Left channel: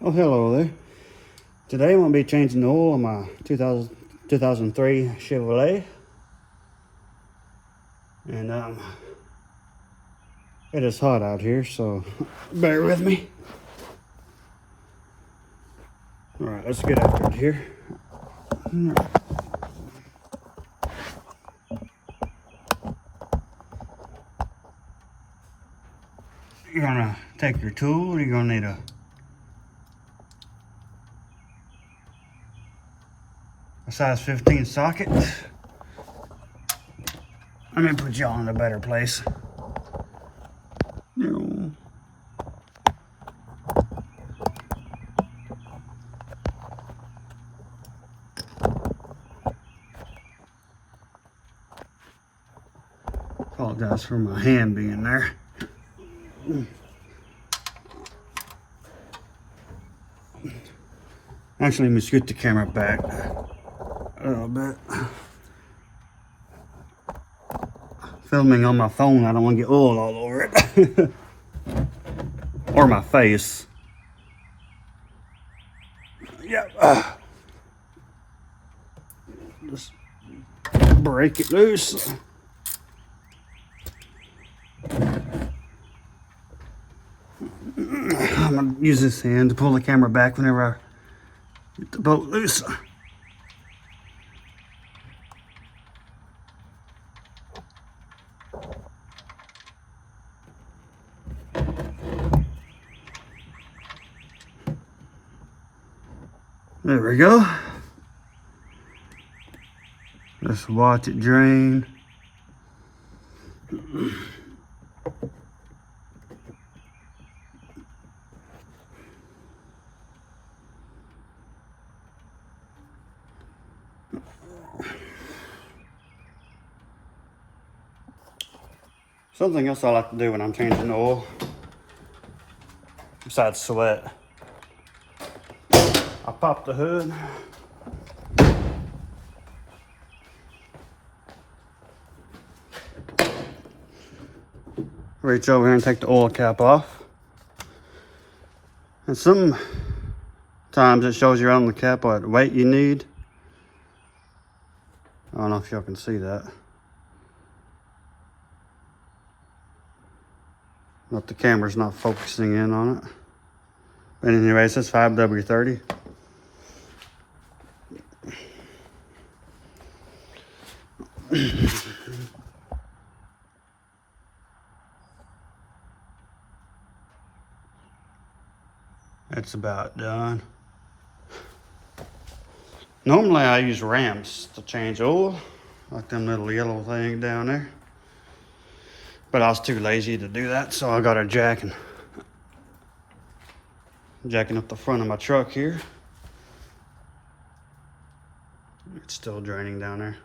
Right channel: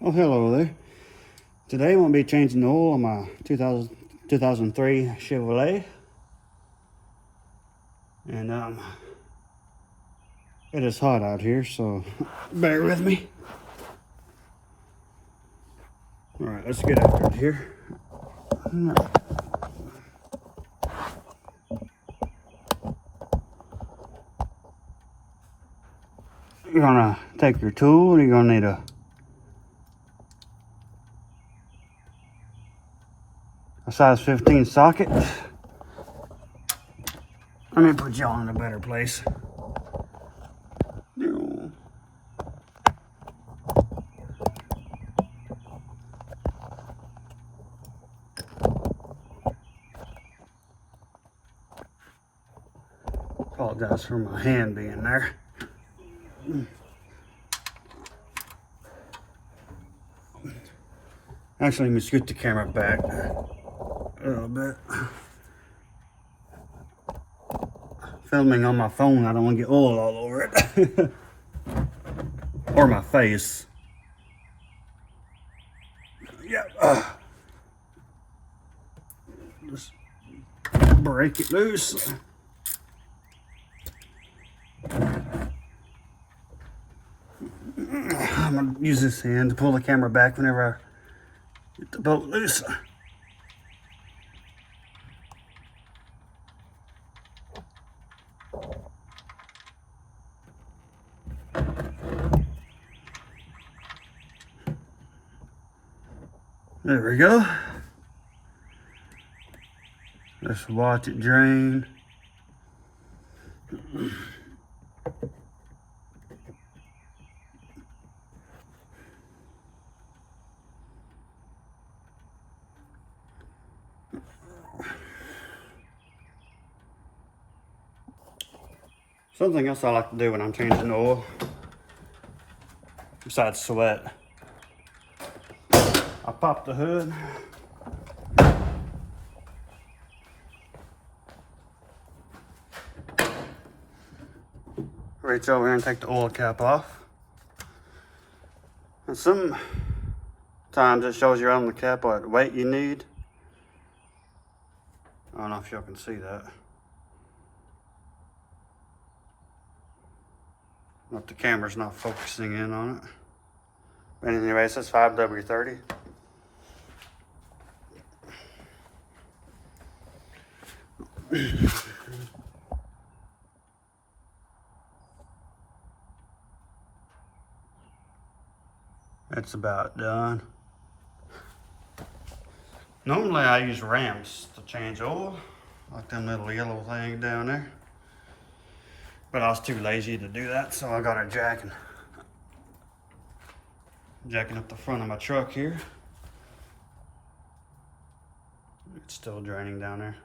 Oh, hello there. Today I'm going to be changing the oil on my 2003 Chevrolet. And it is hot out here, so bear with me. Alright, let's get after it here. You're going to take your tool, you're going to need a size 15 socket. Let me put y'all in a better place. Apologize for my hand being there. Actually, let me scoot the camera back a little bit. Filming on my phone, I don't want to get oil all over it. Or my face. Yep. Just break it loose. I'm going to use this hand to pull the camera back whenever I get the bolt loose. There we go. Just watch it drain. Something else I like to do when I'm changing oil, besides sweat, I pop the hood. Reach over here and take the oil cap off. And sometimes it shows you on the cap what weight you need. I don't know if y'all can see that. But the camera's not focusing in on it. But anyways, it's 5W30. That's about done. Normally I use ramps to change oil, like them little yellow thing down there. But I was too lazy to do that, so I got a jacking up the front of my truck here. It's still draining down there.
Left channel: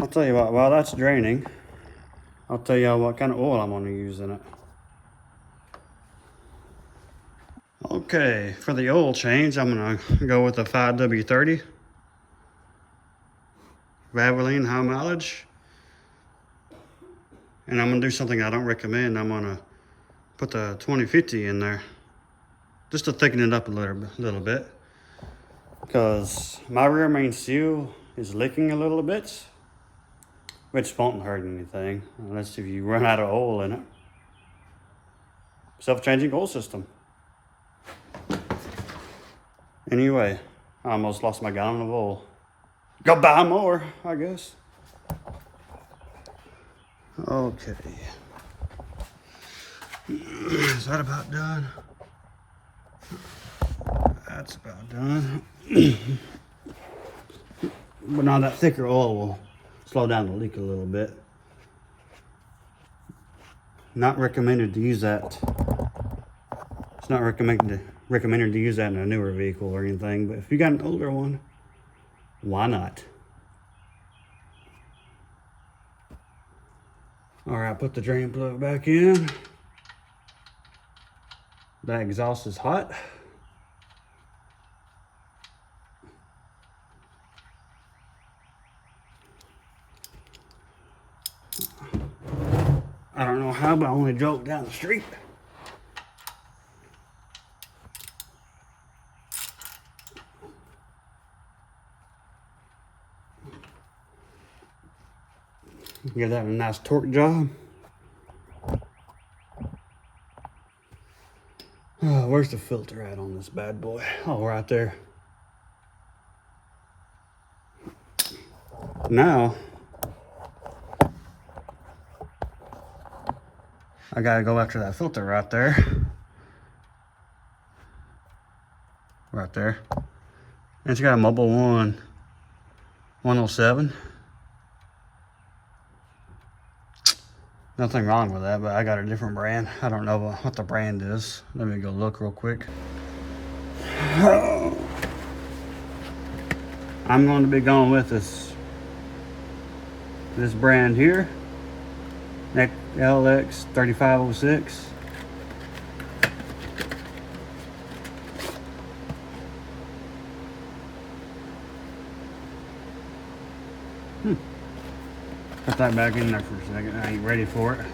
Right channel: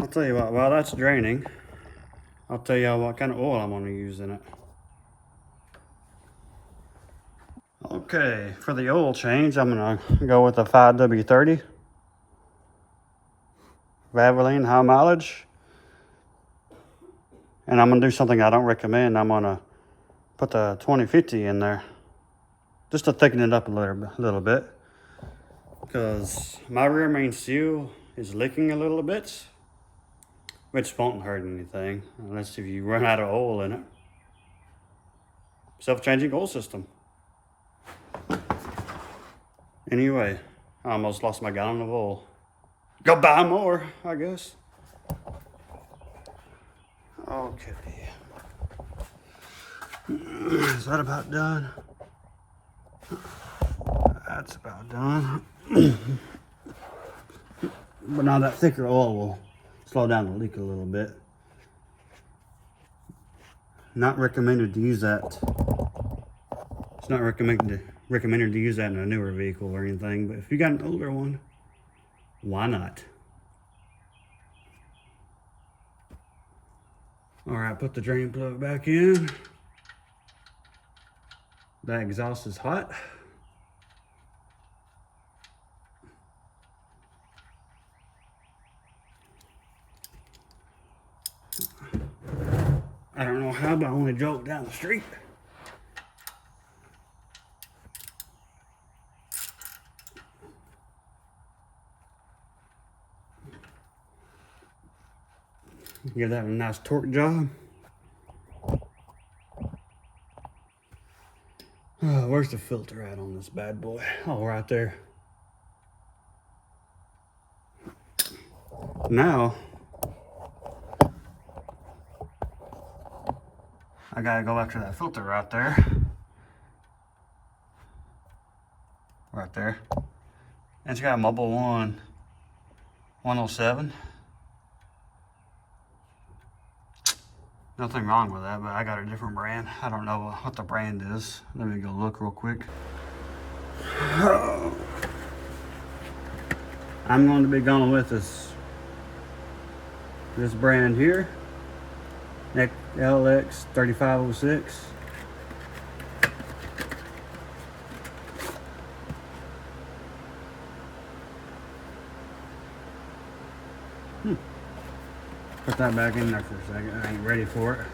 I'll tell you what, while that's draining, I'll tell y'all what kind of oil I'm going to use in it. Okay, for the oil change, I'm going to go with a 5W30. Valvoline, high mileage. And I'm going to do something I don't recommend. I'm going to put the 2050 in there, just to thicken it up a little bit. Because my rear main seal is leaking a little bit, which won't hurt anything, unless if you run out of oil in it. Self-changing oil system. Anyway, I almost lost my gallon of oil. Go buy more, I guess. Okay. Is that about done? That's about done. But now that thicker oil will slow down the leak a little bit. Not recommended to use that. It's not recommended to use that in a newer vehicle or anything, but if you got an older one, why not? All right, put the drain plug back in. That exhaust is hot. job. I only drove down the street. Give that a nice torque job. Oh, where's the filter at on this bad boy? Oh, right there. Now, I gotta go after that filter right there. Right there. It's got a Mobile 107. Nothing wrong with that, but I got a different brand. I don't know what the brand is. Let me go look real quick. I'm going to be going with this brand here, LX 3506. Put that back in there for a second. I ain't ready for it.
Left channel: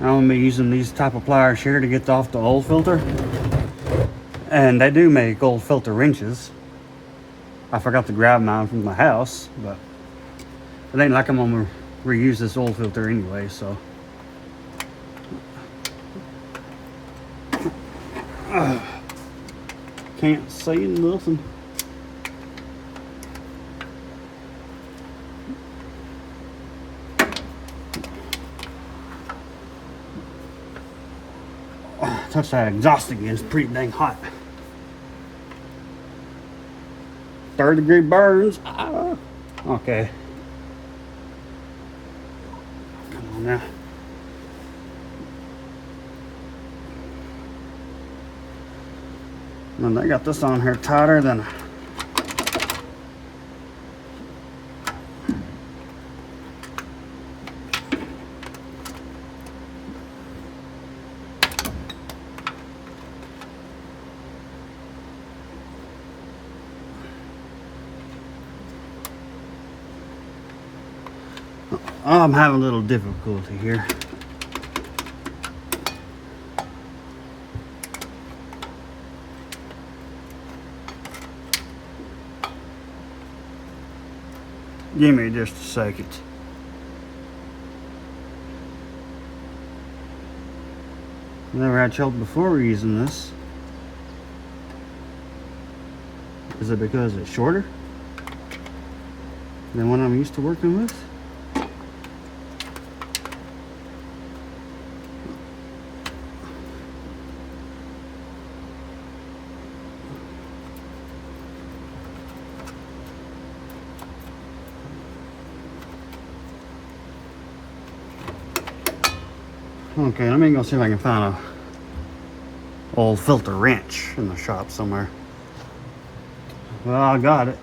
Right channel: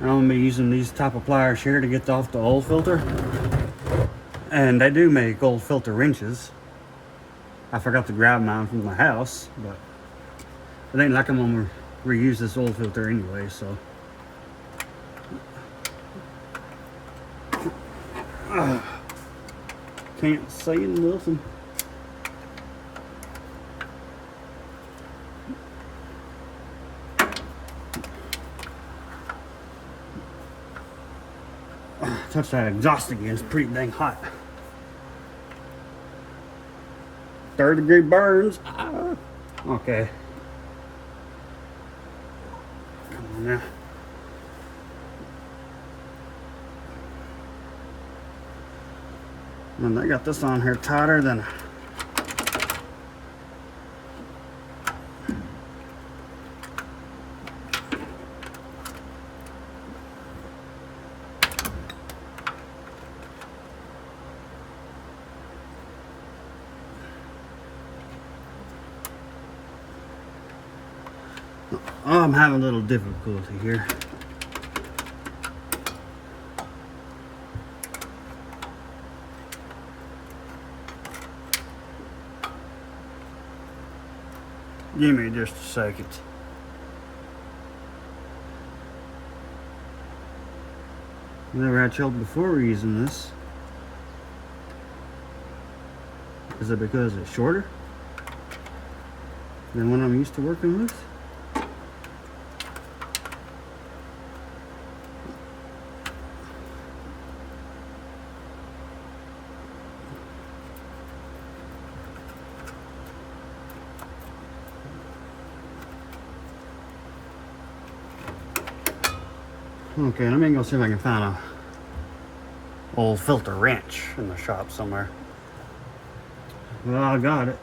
I'm gonna be using these type of pliers here to get off the old filter. And they do make old filter wrenches. I forgot to grab mine from the house, but it ain't like I'm gonna reuse this old filter anyway, so. Can't say nothing. Touch that exhaust again, it's pretty dang hot. 3rd-degree burns. Okay. Come on now. And they got this on here tighter than I'm having a little difficulty here. Give me just a second. Never had trouble before using this. Is it because it's shorter than what I'm used to working with? Okay, let me go see if I can find a old filter wrench in the shop somewhere. Well, I got it.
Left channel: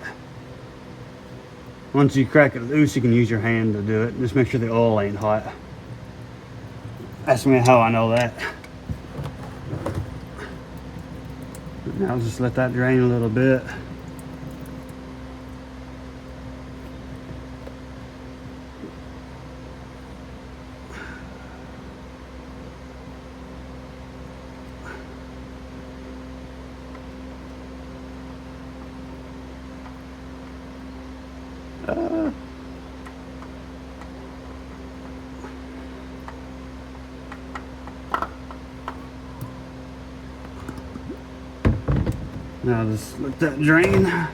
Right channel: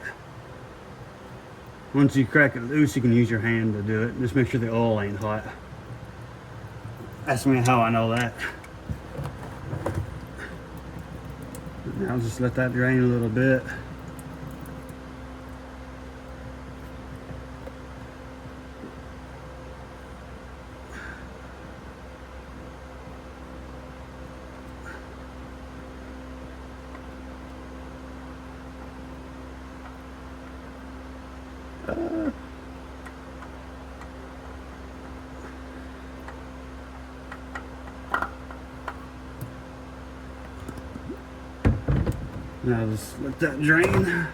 Once you crack it loose, you can use your hand to do it. Just make sure the oil ain't hot. Ask me how I know that. Now just let that drain a little bit. Now just let that drain.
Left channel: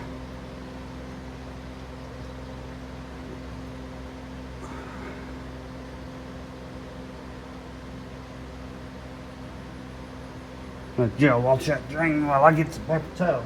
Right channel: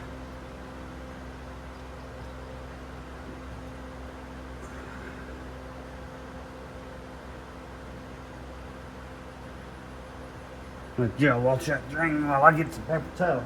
Let Joe watch that drain while I get some paper towels.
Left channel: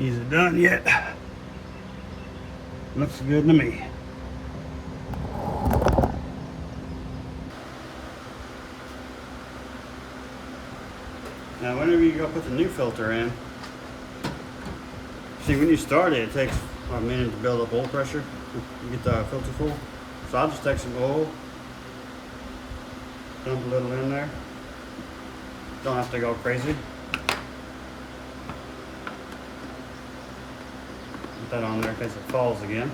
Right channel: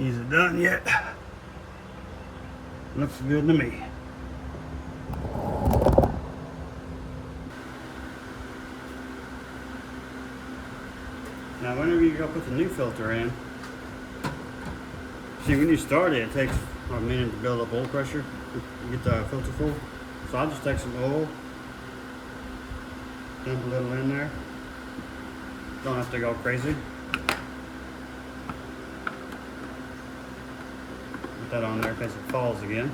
Is it done yet? Looks good to me. Now whenever you go put the new filter in, see when you start it, it takes a minute to build up oil pressure. You get the filter full. So I'll just take some oil, dump a little in there. Don't have to go crazy. Put that on there in case it falls again.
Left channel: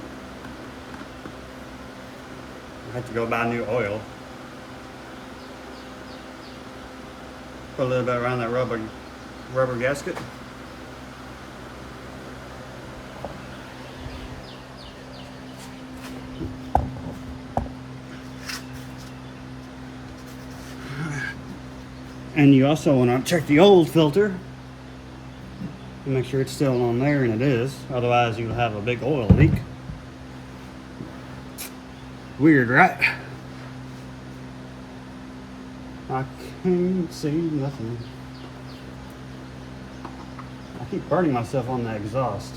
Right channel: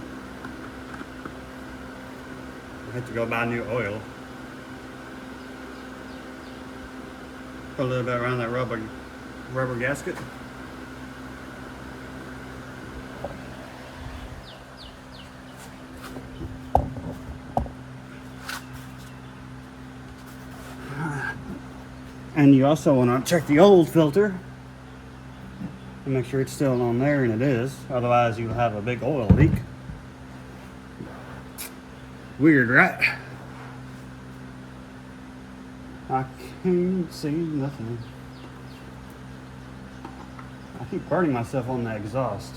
I have to go buy new oil. Put a little bit around that rubber gasket. And you also want to check the old filter and make sure it's still on there, and it is. Otherwise you'll have a big oil leak. Weird, right? I can't see nothing. I keep burning myself on the exhaust.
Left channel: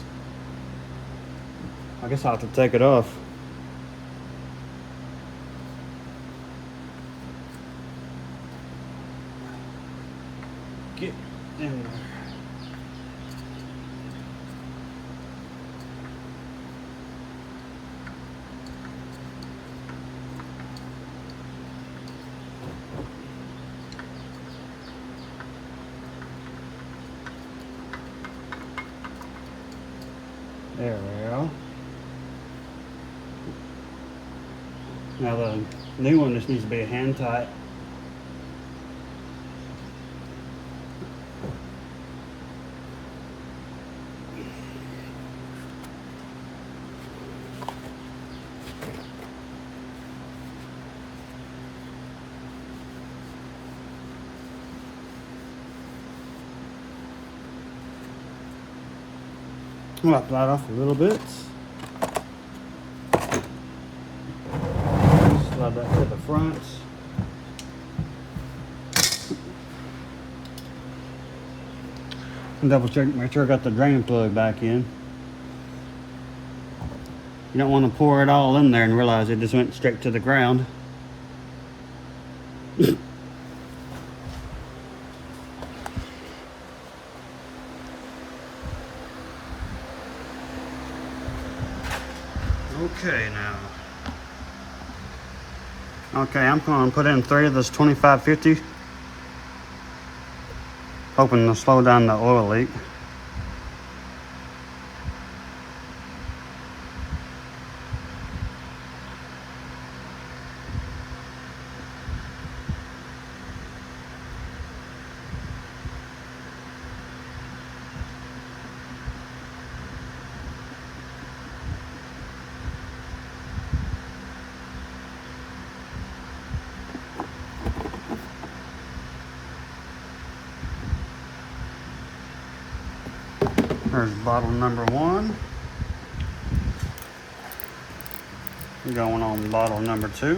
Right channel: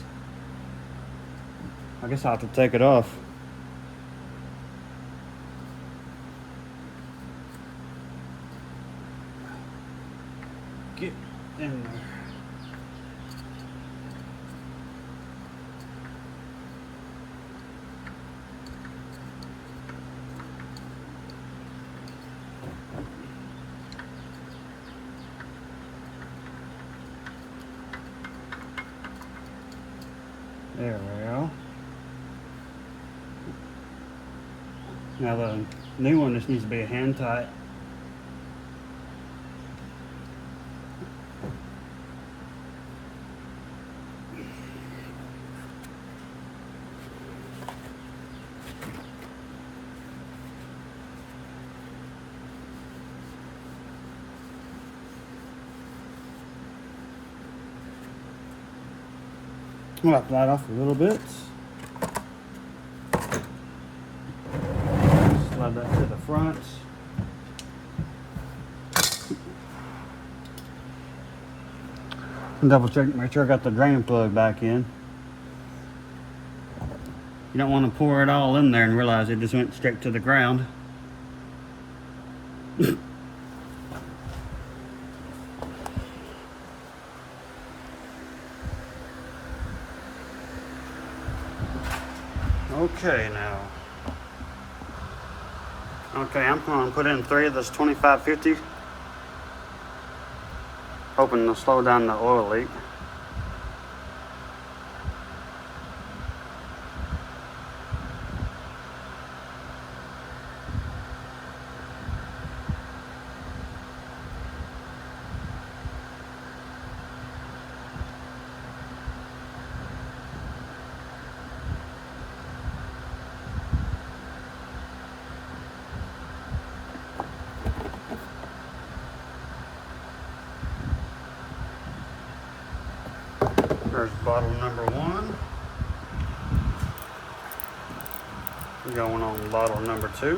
I guess I'll have to take it off. Get in there. There we go. Now the new one just needs to be hand tight. I'll wipe that off a little bit. Slide that to the front. Double check, make sure I got the drain plug back in. You don't want to pour it all in there and realize it just went straight to the ground. Okay, now. Okay, I'm going to put in 3 of this 2550. Hoping to slow down the oil leak. There's bottle number 1. Going on bottle number 2.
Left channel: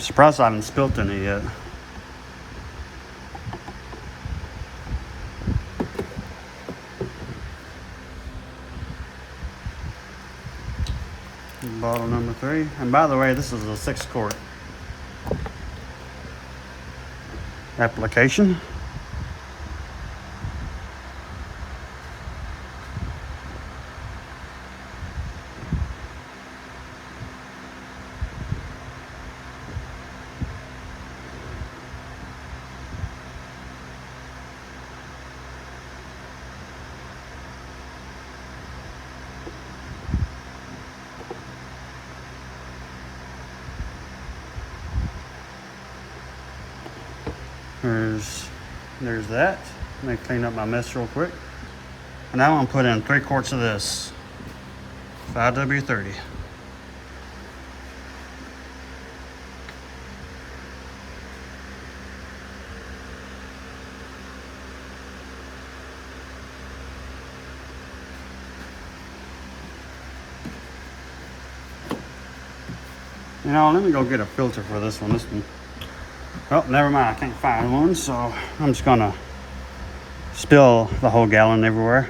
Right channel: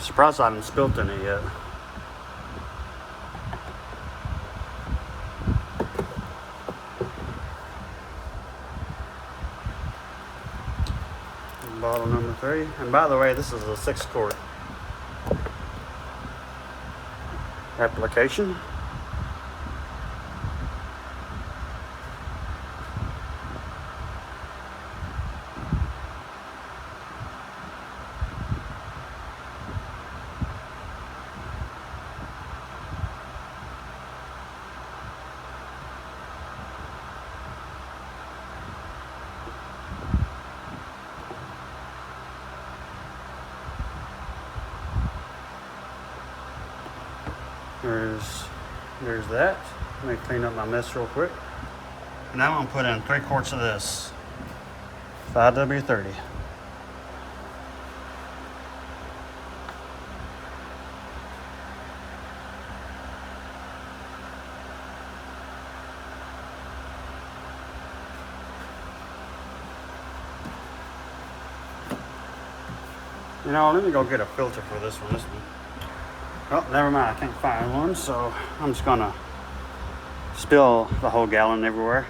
Surprised I haven't spilt any yet. Bottle number 3. And by the way, this is a 6-quart application. There's that. Let me clean up my mess real quick. Now I'm gonna put in 3 quarts of this 5W30. You know, let me go get a filter for this one. This one, well, never mind. I can't find one, so I'm just gonna spill the whole gallon everywhere.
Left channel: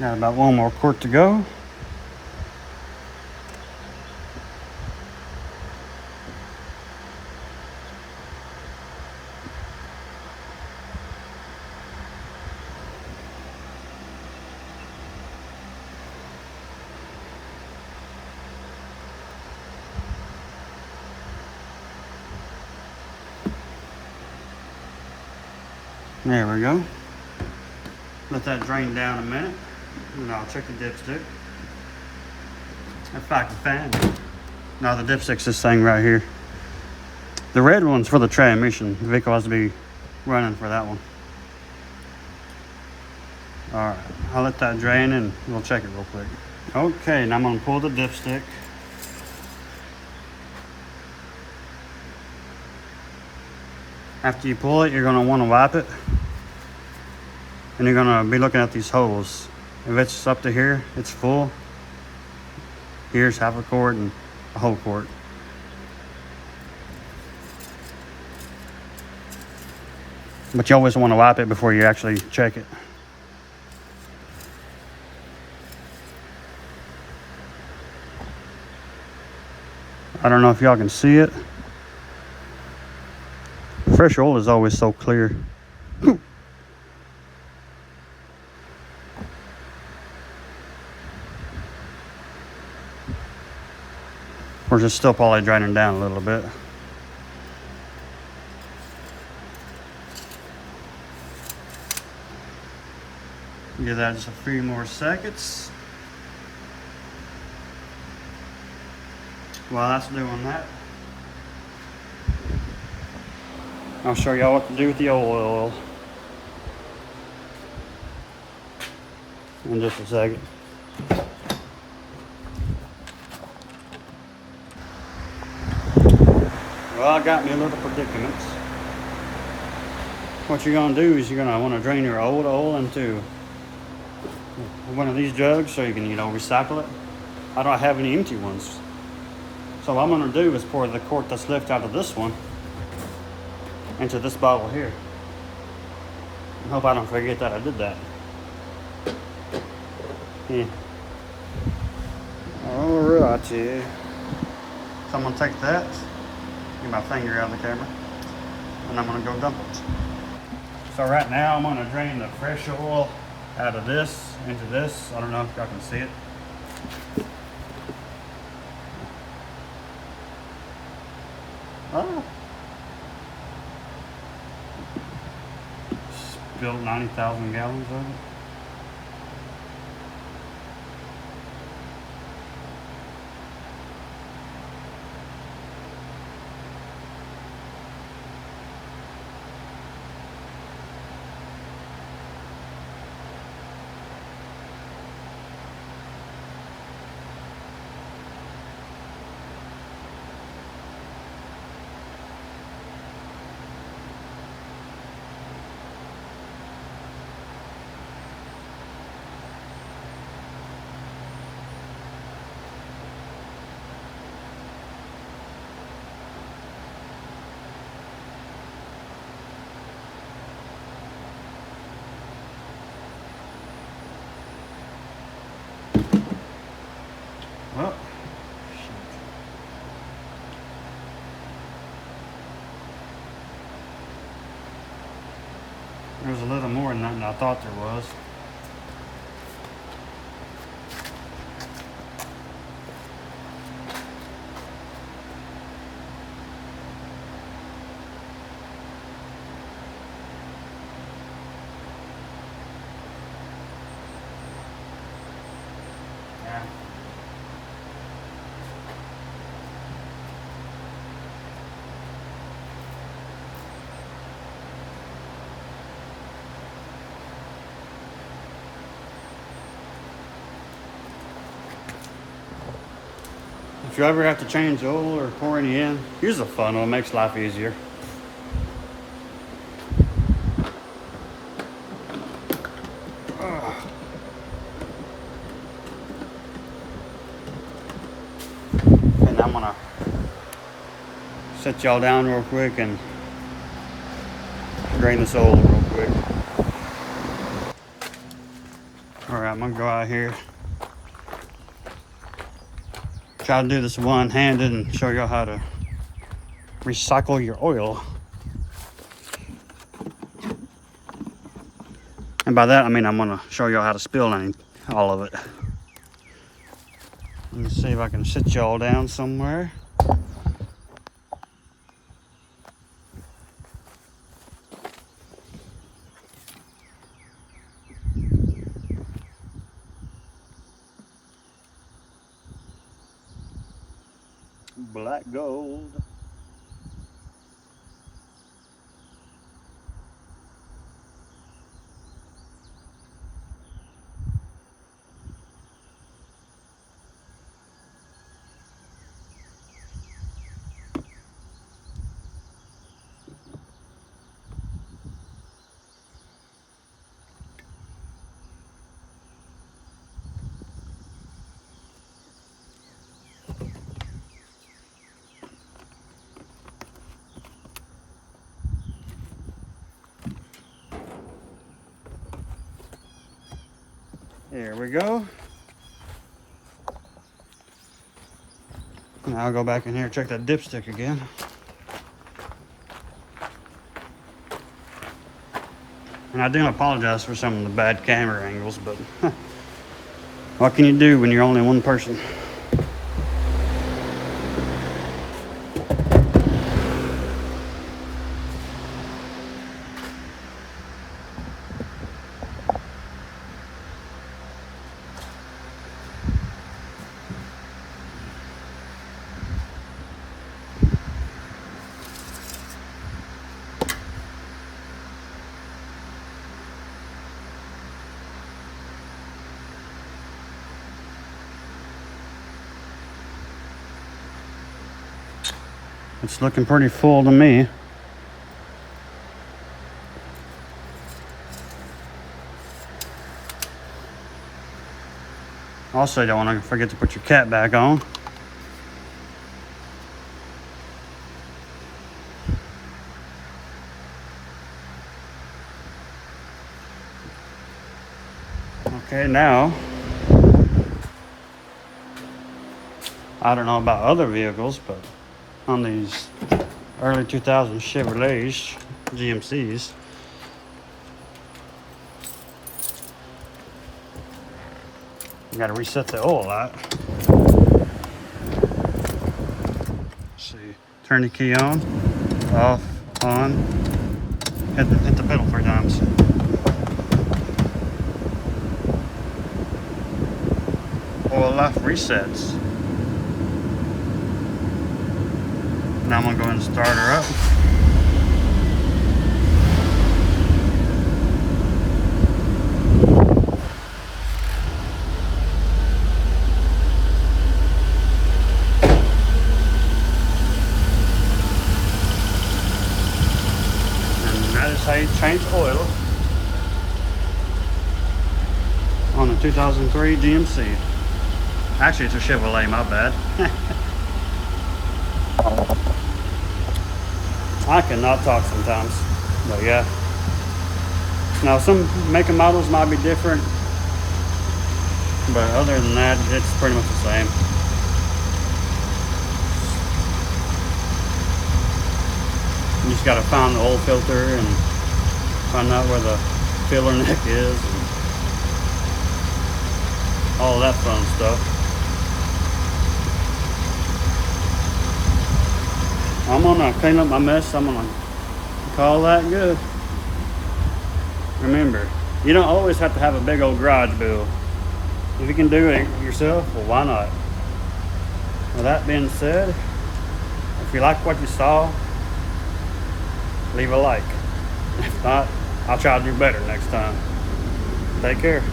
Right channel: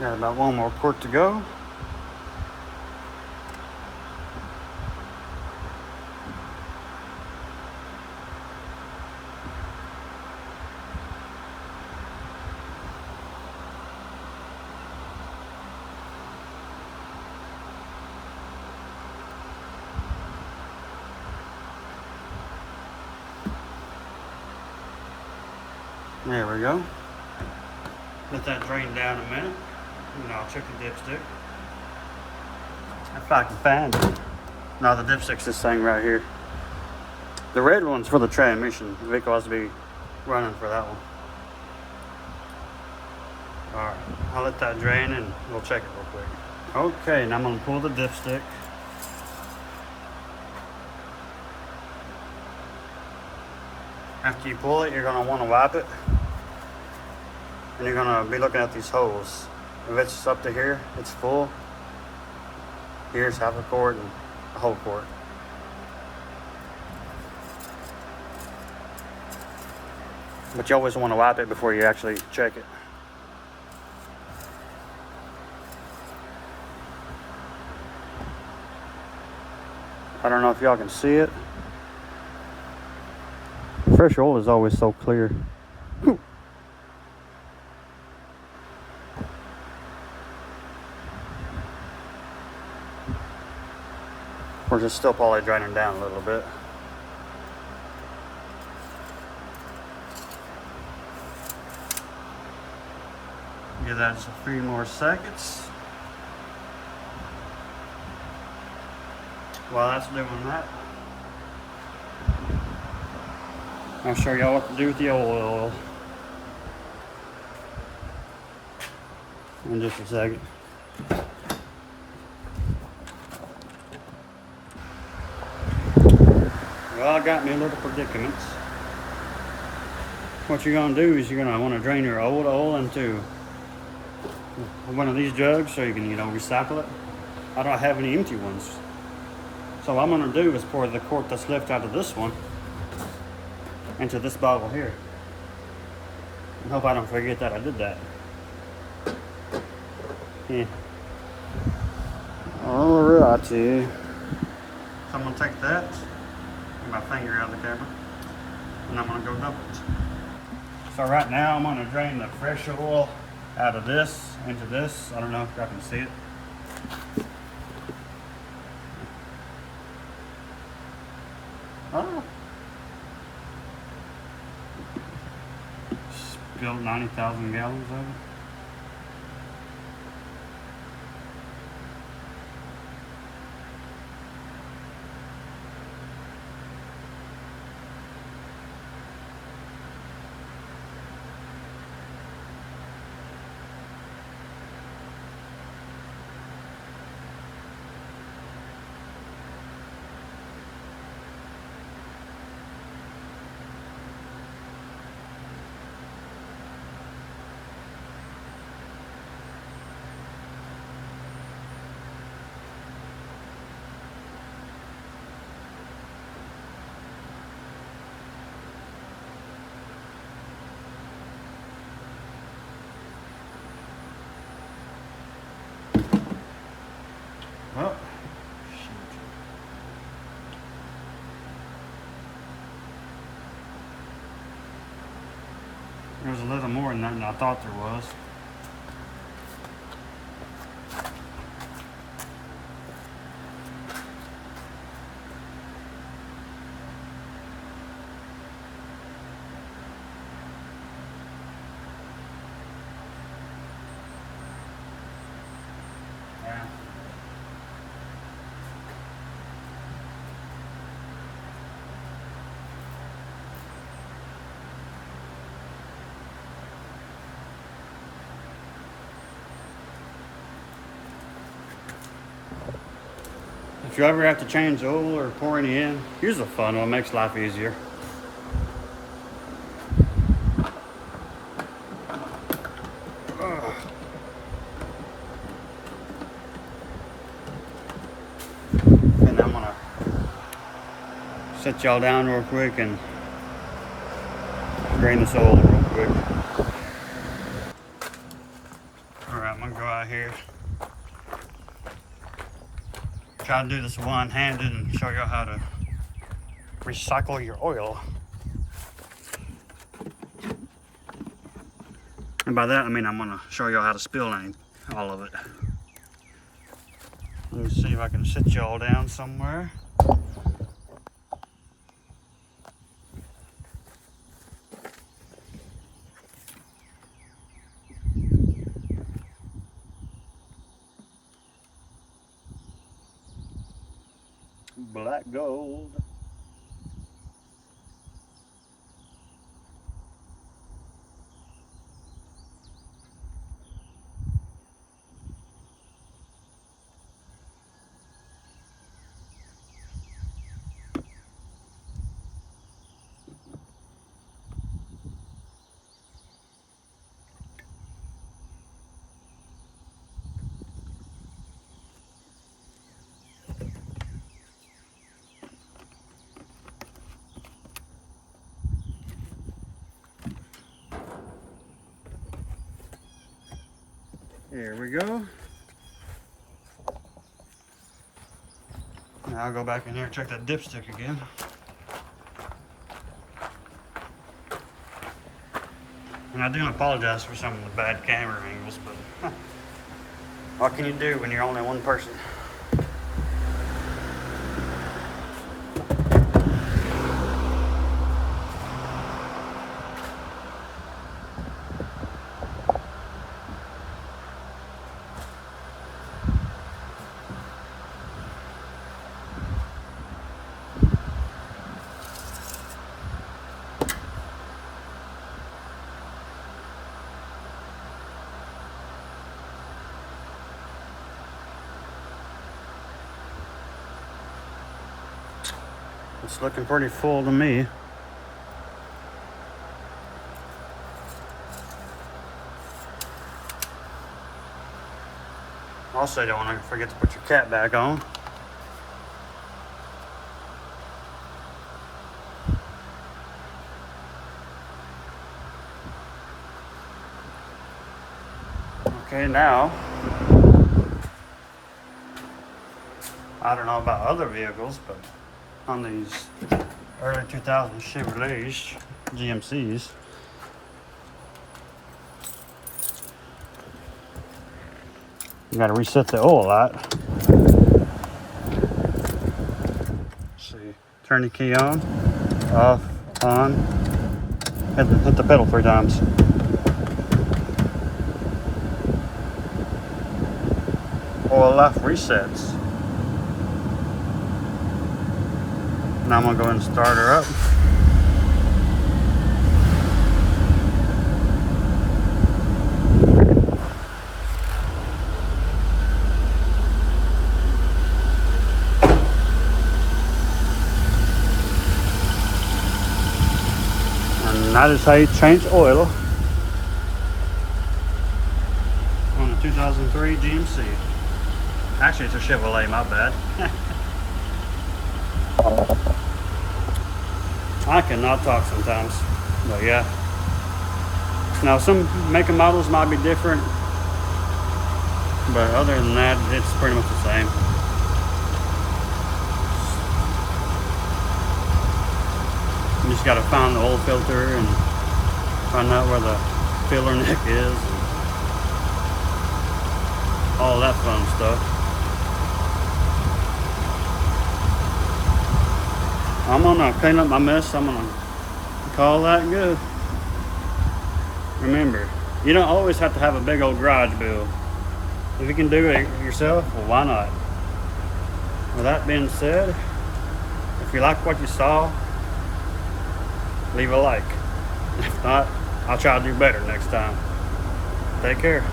Got about one more quart to go. There we go. Let that drain down a minute. And I'll check the dipstick. If I can find it. No, the dipstick's this thing right here. The red one's for the transmission. The vehicle has to be running for that one. Alright, I'll let that drain and we'll check it real quick. Okay, now I'm going to pull the dipstick. After you pull it, you're going to want to wipe it. And you're going to be looking at these holes. If it's up to here, it's full. Here's half a quart and a whole quart. But you always want to wipe it before you actually check it. I don't know if y'all can see it. Fresh oil is always so clear. Of course, it's still probably draining down a little bit. Give that just a few more seconds. While that's doing that, I'll show y'all what to do with the oil in just a second. Well, I got me a little predicament. What you're gonna do is you're gonna want to drain your old oil into one of these jugs so you can, recycle it. I don't have any empty ones. So what I'm gonna do is pour the quart that's left out of this one into this bottle here. I hope I don't forget that I did that. Yeah. Alrighty. So I'm gonna take that, get my finger out of the camera, and I'm gonna go dump it. So right now I'm gonna drain the fresh oil out of this into this. I don't know if y'all can see it. Oh. Spilled 90,000 gallons of it. Well, shoot. There's a little more than that than I thought there was. Yeah. If you ever have to change oil or pour any in, use a funnel. It makes life easier. And I'm gonna set y'all down real quick and drain this oil real quick. All right, I'm gonna go out here. Try to do this one-handed and show y'all how to recycle your oil. And by that, I mean I'm gonna show y'all how to spill all of it. Let me see if I can sit y'all down somewhere. Black gold. There we go. Now I'll go back in here and check that dipstick again. And I do apologize for some of the bad camera angles, but what can you do when you're only one person? It's looking pretty full to me. Also, you don't want to forget to put your cap back on. Okay, now, I don't know about other vehicles, but on these early 2000 Chevrolets, GMCs, you gotta reset the oil light. See, turn the key on, off, on, hit the pedal 3 times. Oil life resets. Now I'm gonna go ahead and start her up. And that is how you change oil on a 2003 GMC. Actually, it's a Chevrolet, my bad. I cannot talk sometimes, but yeah. Now some make and models might be different, but other than that, it's pretty much the same. You just gotta find the oil filter and find out where the filler neck is and all that fun stuff. I'm gonna clean up my mess. I'm gonna call that good. Remember, you don't always have to have a big old garage build. If you can do it yourself, well, why not? With that being said, if you like what you saw, leave a like. If not, I'll try to do better next time. Take care.